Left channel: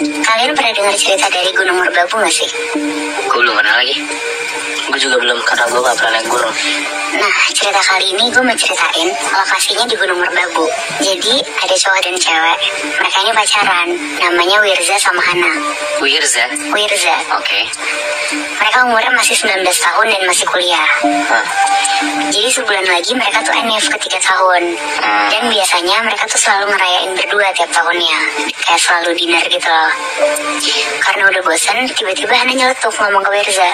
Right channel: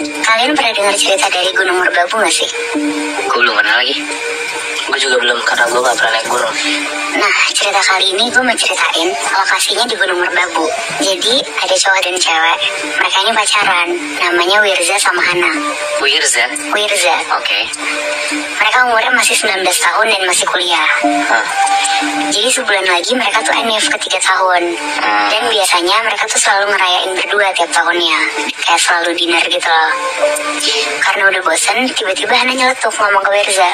Kalian pernah dengar cerita dari Gunung Merbabu gak sih? Gue belum pernah lagi. Gue juga belum, karena gue gak pernah naik gunung. Nah, cerita kali ini gue mau ceritain lokasinya di Gunung Merbabu. Jadi, ada cowok dan cewek. Mereka ini pacaran. Namanya Wirza sama Hana. Wirza? Wirza. Oke. Mereka umurnya masih 19 tahun dan masih kuliah. Jadi sebulan lagi mereka tuh NIF ke 3 tahun. Dan biasanya mereka tuh selalu ngerayain berdua tiap tahunnya. Kayak selalu dinner gitu loh. Karena udah bosen, tiba-tiba Hana nyeletuk ngomong ke Wirza,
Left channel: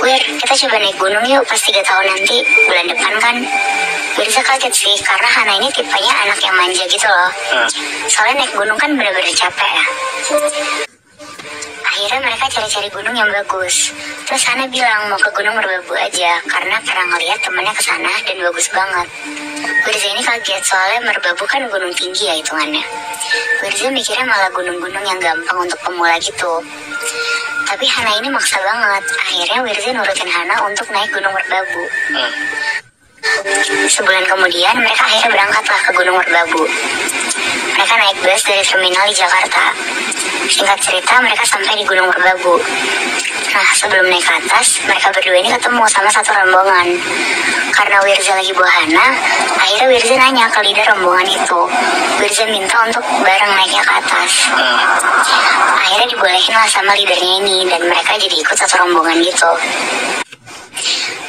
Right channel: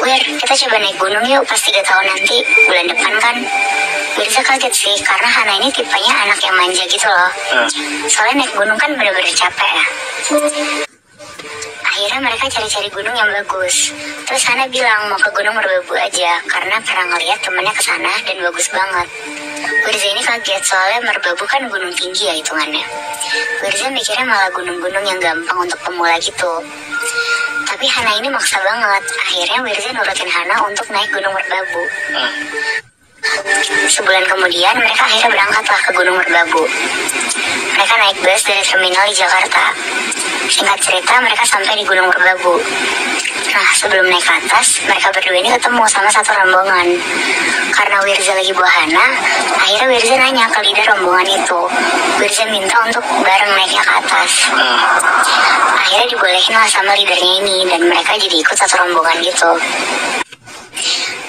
"Wir, kita coba naik gunung yuk pas 3 tahun nanti, bulan depan kan." Wirza kaget sih, karena Hana ini tipenya anak yang manja gitu loh. Soalnya naik gunung kan bener-bener capek ya. Akhirnya mereka cari-cari gunung yang bagus. Terus Hana bilang mau ke Gunung Merbabu aja, karena pernah ngeliat temennya kesana dan bagus banget. Wirza ini kaget, soalnya Merbabu kan gunung tinggi ya hitungannya. Wirza mikirnya malah gunung-gunung yang gampang untuk pemula gitu. Tapi Hana ini maksa banget. Akhirnya Wirza nurutin Hana untuk naik Gunung Merbabu. Sebulan kemudian mereka akhirnya berangkatlah ke Gunung Merbabu. Mereka naik bus dari terminal di Jakarta. Singkat cerita mereka sampai di Gunung Merbabu. Nah, sebelum naik ke atas, mereka berdua ini ketemu sama satu rombongan. Karena Wirza lagi bawa Hana, akhirnya Wirza nanya ke leader rombongan itu. Wirza minta untuk bareng naiknya ke atas. Akhirnya dibolehin lah sama leadernya ini, dan mereka jadi ikut satu rombongan gitu.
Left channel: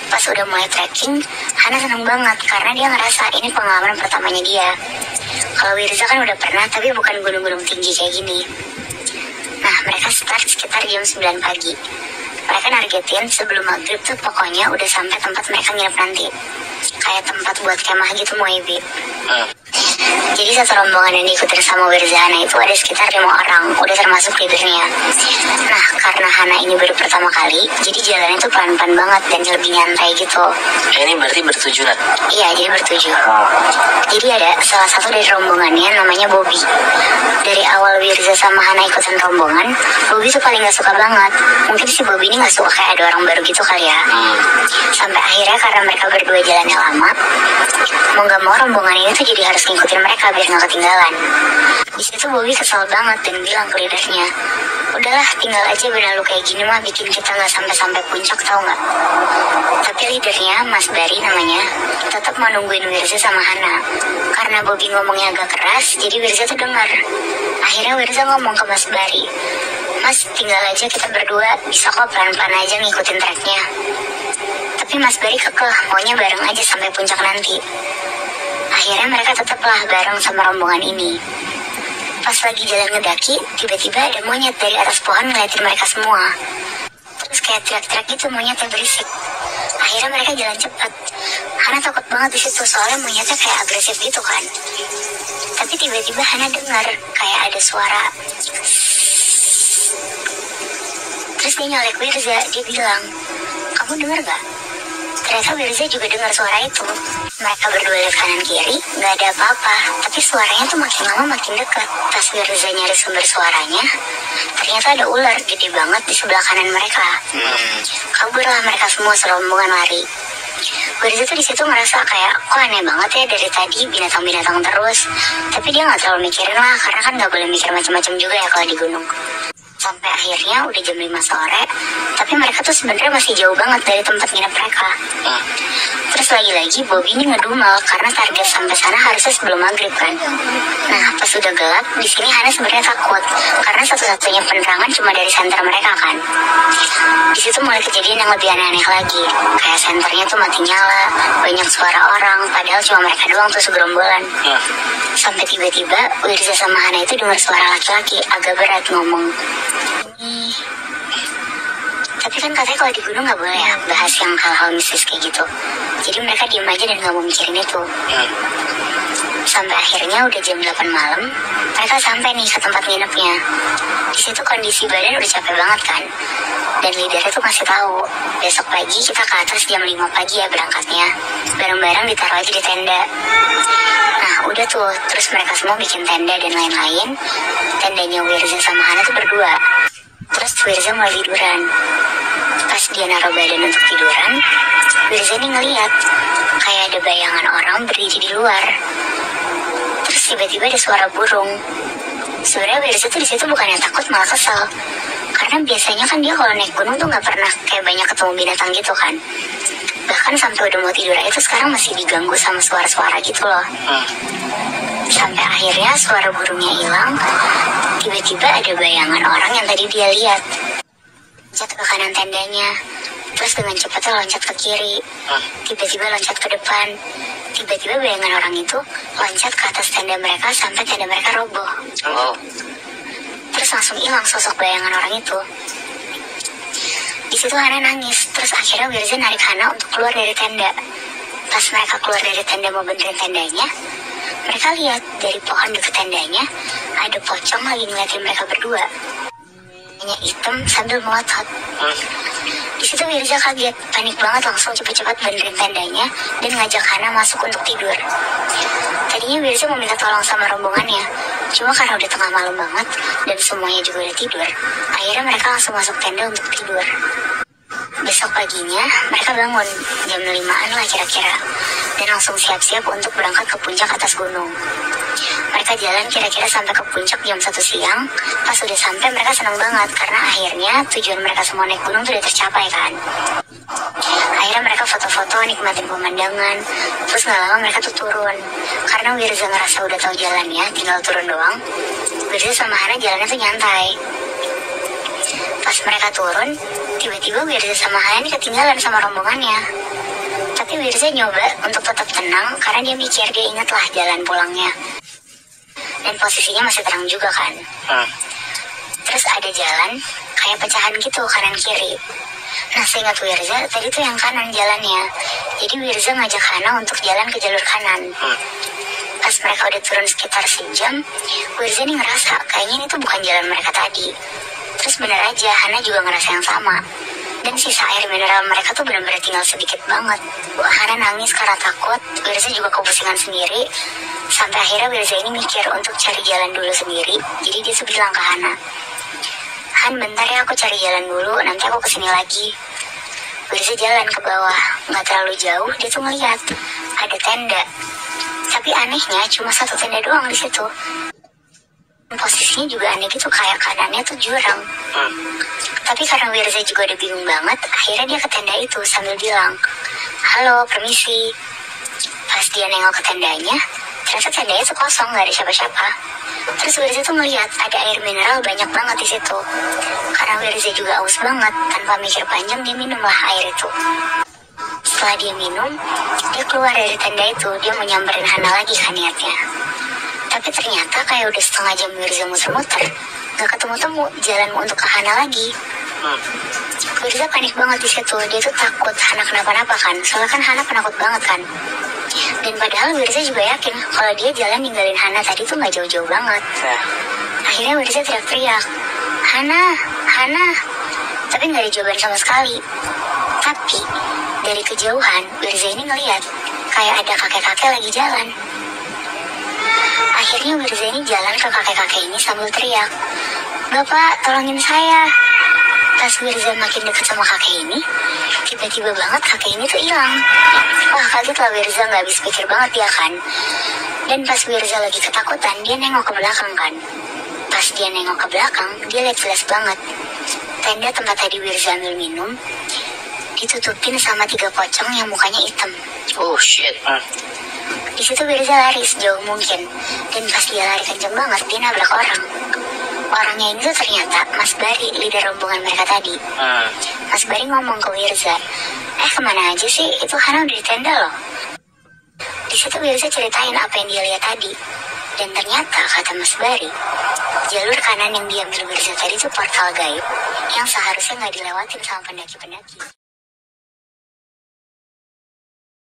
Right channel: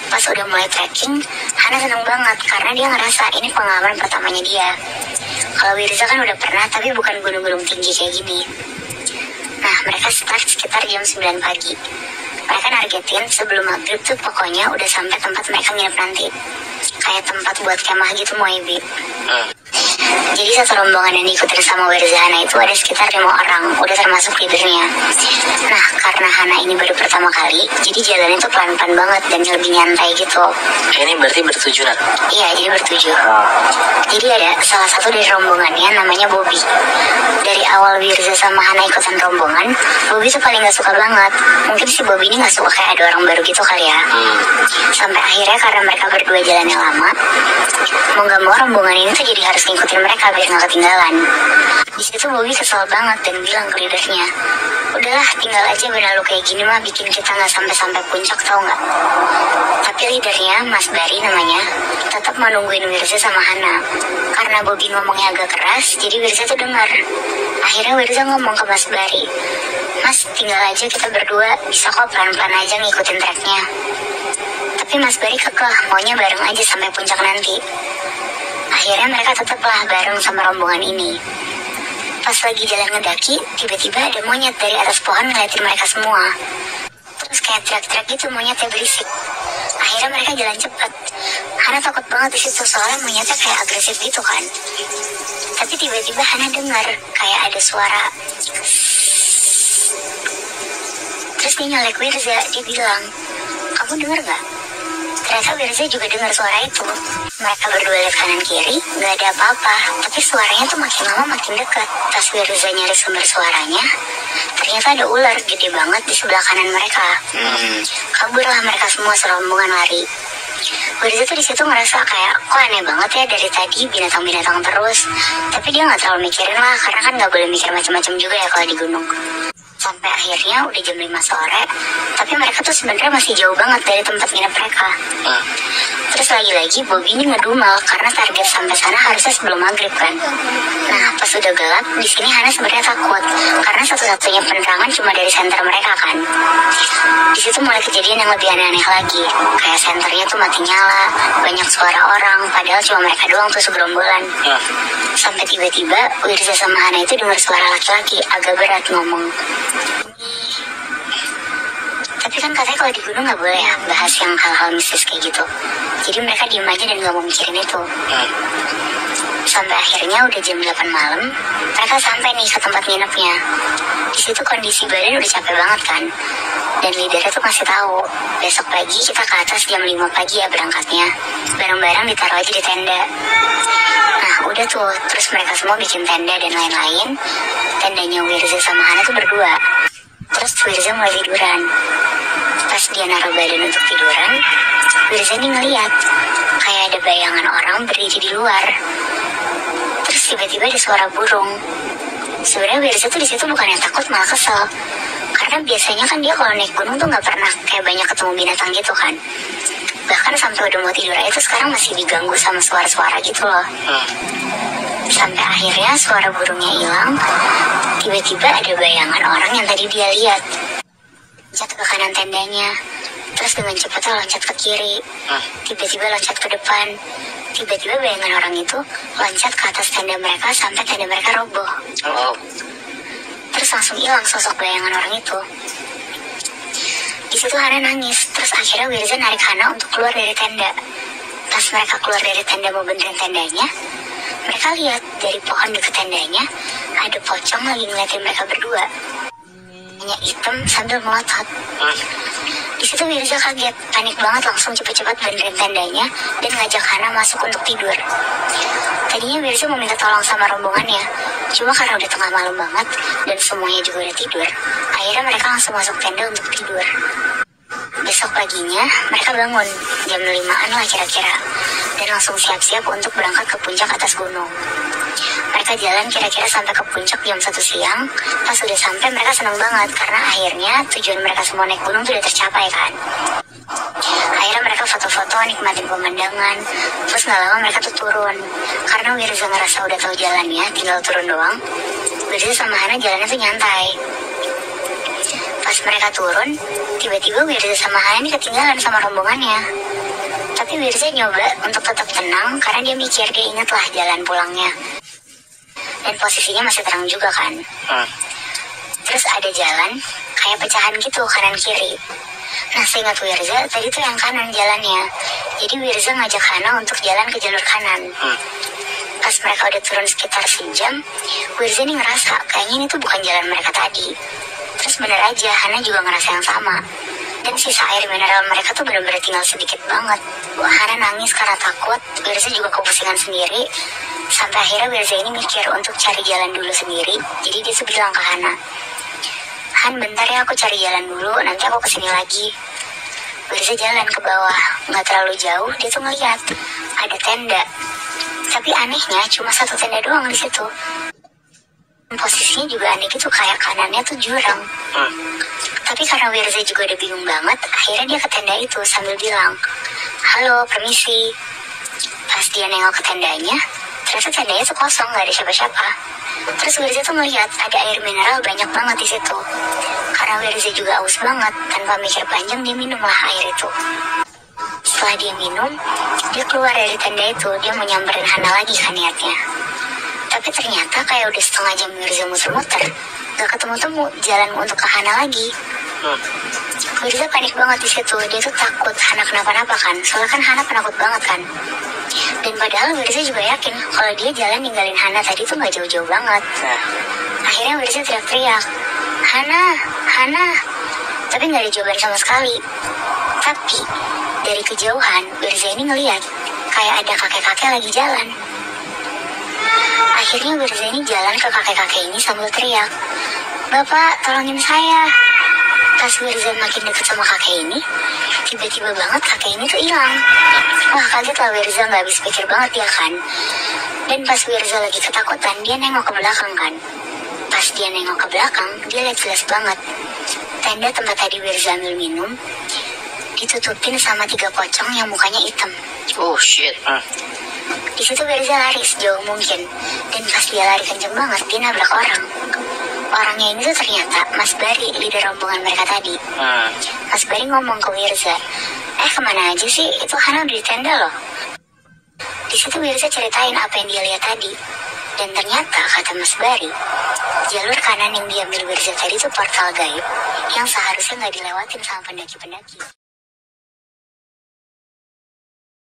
Pas udah mulai trekking, Hana seneng banget karena dia ngerasa ini pengalaman pertamanya dia. Kalau Wirza kan udah pernah, tapi bukan gunung-gunung tinggi kayak gini. Nah, mereka start sekitar jam 9 pagi. Mereka nargetin sebelum maghrib tuh pokoknya udah sampai tempat mereka nginep nanti. Kayak tempat buat kemah gitu, Moibi. Jadi satu rombongan yang diikutin sama Wirza Hana itu ada sekitar 5 orang, udah termasuk leadernya. Nah, karena Hana ini baru pertama kali, jadi jalan itu pelan-pelan banget dan lebih nyantai gitu. Ini berarti bertujuh, Nat? Iya, jadi bertujuh. Jadi ada salah satu dari rombongannya namanya Bobby. Dari awal Wirza sama Hana ikutan rombongan, Bobby tuh paling gak suka banget. Mungkin si Bobby ini gak suka kayak ada orang baru gitu kali ya. Sampai akhirnya karena mereka berdua jalannya lama, mau gak mau rombongan ini tuh jadi harus ngikutin mereka biar gak ketinggalan. Di situ Bobby kesal banget dan bilang ke leadernya, "Udahlah, tinggal aja benar lu kayak gini mah bikin kita gak sampai-sampai puncak, tau gak?" Tapi leadernya, Mas Bari namanya, tetap mau nungguin Wirza sama Hana. Karena Bobby ngomongnya agak keras, jadi Wirza tuh dengar. Akhirnya Wirza ngomong ke Mas Bari, "Mas, tinggal aja kita berdua, bisa kok pelan-pelan aja ngikutin treknya." Tapi Mas Bari kekeh, maunya bareng aja sampai puncak nanti. Akhirnya mereka tetaplah bareng sama rombongan ini. Pas lagi jalan ngedaki, tiba-tiba ada monyet dari atas pohon ngeliatin mereka semua. Terus kayak teriak-teriak gitu, monyetnya berisik. Akhirnya mereka jalan cepat. Hana takut banget di situ, soalnya monyetnya kayak agresif gitu kan. Tapi tiba-tiba Hana dengar kayak ada suara. Terus dia nyolek Wirza, dia bilang, "Kamu dengar gak?" Ternyata Wirza juga dengar suara itu. Mereka berdua lihat kanan kiri, gak ada apa-apa. Tapi suaranya tuh makin lama makin dekat. Pas Wirza nyari sumber suaranya, ternyata ada ular gede banget di sebelah kanan mereka. Kaburlah mereka semua serombongan lari. Wirza tuh di situ ngerasa kayak, kok aneh banget ya dari tadi binatang-binatang terus. Tapi dia nggak terlalu mikirin lah, karena kan nggak boleh mikir macam-macam juga ya kalau di gunung. Sampai akhirnya udah jam 5 sore, tapi mereka tuh sebenarnya masih jauh banget dari tempat nginep mereka. Terus lagi-lagi Bobby ini ngedumel karena target sampai sana harusnya sebelum maghrib kan. Nah, pas udah gelap, di sini Hana sebenarnya takut karena satu-satunya penerangan cuma dari senter mereka kan. Di situ mulai kejadian yang lebih aneh-aneh lagi. Kayak senternya tuh mati nyala, banyak suara orang, padahal cuma mereka doang tuh segerombolan. Sampai tiba-tiba Wirza sama Hana itu dengar suara laki-laki agak berat ngomong. Tapi kan katanya kalau di gunung gak boleh ya bahas yang hal-hal mistis kayak gitu. Jadi mereka diem aja dan gak mau mikirin itu. Sampai akhirnya udah jam 8 malam, mereka sampai nih ke tempat nginepnya. Di situ kondisi badan udah capek banget kan. Dan leadernya tuh masih tahu, besok pagi kita ke atas jam 5 pagi ya berangkatnya. Barang-barang ditaruh aja di tenda. Nah udah tuh, terus mereka semua bikin tenda dan lain-lain. Tendanya Wirza sama Hana tuh berdua. Terus Wirza mulai tiduran. Pas dia naruh badan untuk tiduran, Wirza nih ngeliat kayak ada bayangan orang berdiri di luar. Terus tiba-tiba ada suara burung. Sebenarnya Wirza tuh di situ bukannya takut, malah kesel. Karena biasanya kan dia kalau naik gunung tuh nggak pernah kayak banyak ketemu binatang gitu kan. Bahkan sampai udah mau tidur aja tuh sekarang masih diganggu sama suara-suara gitu loh. Sampai akhirnya suara burungnya hilang. Tiba-tiba ada bayangan orang yang tadi dia lihat loncat ke kanan tendanya, terus dengan cepatnya loncat ke kiri, tiba-tiba loncat ke depan. Tiba-tiba bayangan orang itu loncat ke atas tenda mereka sampai tenda mereka roboh. Terus langsung hilang sosok bayangan orang itu. Di situ Hana nangis. Terus akhirnya Wirza narik Hana untuk keluar dari tenda. Pas mereka keluar dari tenda mau benerin tendanya, mereka lihat dari pohon dekat tendanya ada pocong lagi ngeliatin mereka berdua. Hanya hitam sambil melotot. Di situ Wirza kaget, panik banget, langsung cepat-cepat benerin tendanya dan ngajak Hana masuk untuk tidur. Tadinya Wirza mau minta tolong sama rombongannya, cuma karena udah tengah malam banget dan semuanya juga udah tidur, akhirnya mereka langsung masuk tenda untuk tidur. Besok paginya mereka bangun jam 5-an lah kira-kira, dan langsung siap-siap untuk berangkat ke puncak atas gunung. Mereka jalan kira-kira sampai ke puncak jam 1 siang. Pas udah sampai mereka senang banget karena akhirnya tujuan mereka semua naik gunung tuh udah tercapai kan. Akhirnya mereka foto-foto nikmatin pemandangan. Terus gak lama mereka tuh turun. Karena Wirza ngerasa udah tahu jalannya, tinggal turun doang. Wirza sama Hana jalannya tuh nyantai. Pas mereka turun, tiba-tiba Wirza sama Hana ini ketinggalan sama rombongannya. Tapi Wirza nyoba untuk tetap tenang karena dia mikir, dia ingat lah jalan pulangnya. Dan posisinya masih terang juga kan. Terus ada jalan kayak pecahan gitu kanan kiri. Nah seingat Wirza tadi tuh yang kanan jalannya. Jadi Wirza ngajak Hana untuk jalan ke jalur kanan. Pas mereka udah turun sekitar sejam, Wirza nih ngerasa kayaknya ini tuh bukan jalan mereka tadi. Terus bener aja Hana juga ngerasa yang sama. Dan sisa air mineral mereka tuh benar-benar tinggal sedikit banget. Hana nangis karena takut, Wirza juga kepusingan sendiri. Sampai akhirnya Wirza ini mikir untuk cari jalan dulu sendiri. Jadi dia tuh bilang ke Hana, "Han, bentar ya, aku cari jalan dulu, nanti aku kesini lagi." Wirza jalan ke bawah, nggak terlalu jauh, dia tuh ngeliat ada tenda. Tapi anehnya cuma satu tenda doang di situ. Posisinya juga aneh gitu, kayak kanannya tuh jurang. Tapi karena Wirza juga udah bingung banget, akhirnya dia ke tenda itu sambil bilang, "Halo, permisi." Pas dia nengok ke tendanya, ternyata tendanya tuh kosong, gak ada siapa-siapa. Terus Wirza tuh ngeliat ada air mineral banyak banget di situ. Karena Wirza juga aus banget, tanpa mikir panjang dia minumlah air itu. Setelah dia minum, dia keluar dari tenda itu, dia mau nyamperin Hana lagi kan niatnya. Tapi ternyata kayak udah setengah jam Wirza muter-muter, gak ketemu-temu jalan untuk ke Hana lagi. Wirza panik banget di situ, dia tuh takut Hana kenapa-napa kan, soalnya kan Hana penakut banget kan. Dan padahal Wirza juga yakin kalau dia jalan ninggalin Hana tadi tuh gak jauh-jauh banget. Akhirnya Wirza teriak-teriak, "Hana, Hana." Tapi gak ada jawaban sama sekali. Tapi dari kejauhan Wirza ini ngeliat kayak ada kakek-kakek lagi jalan. Akhirnya Wirza ini jalan ke kakek-kakek ini sambil teriak, "Bapak, tolongin saya." Pas Wirza makin dekat sama kakek ini, tiba-tiba banget kakek ini tuh hilang. Wah, kaget lah Wirza, gak habis pikir banget dia kan. Dan pas Wirza lagi ketakutan, dia nengok ke belakang kan. Pas dia nengok ke belakang, dia lihat jelas banget tenda tempat tadi Wirza ambil minum ditutupin sama 3 pocong yang mukanya hitam. Oh shit. Di situ Wirza lari sejauh mungkin, dan pas dia lari kenceng banget, dia nabrak orang. Orangnya ini tuh ternyata Mas Bari, leader rombongan mereka tadi. Mas Bari ngomong ke Wirza, "Kemana aja sih? Itu Hana udah di tenda loh." Di situ Wirza ceritain apa yang dia lihat tadi. Dan ternyata kata Mas Bari, jalur kanan yang diambil Wirza tadi itu portal gaib yang seharusnya nggak dilewatin sama pendaki-pendaki.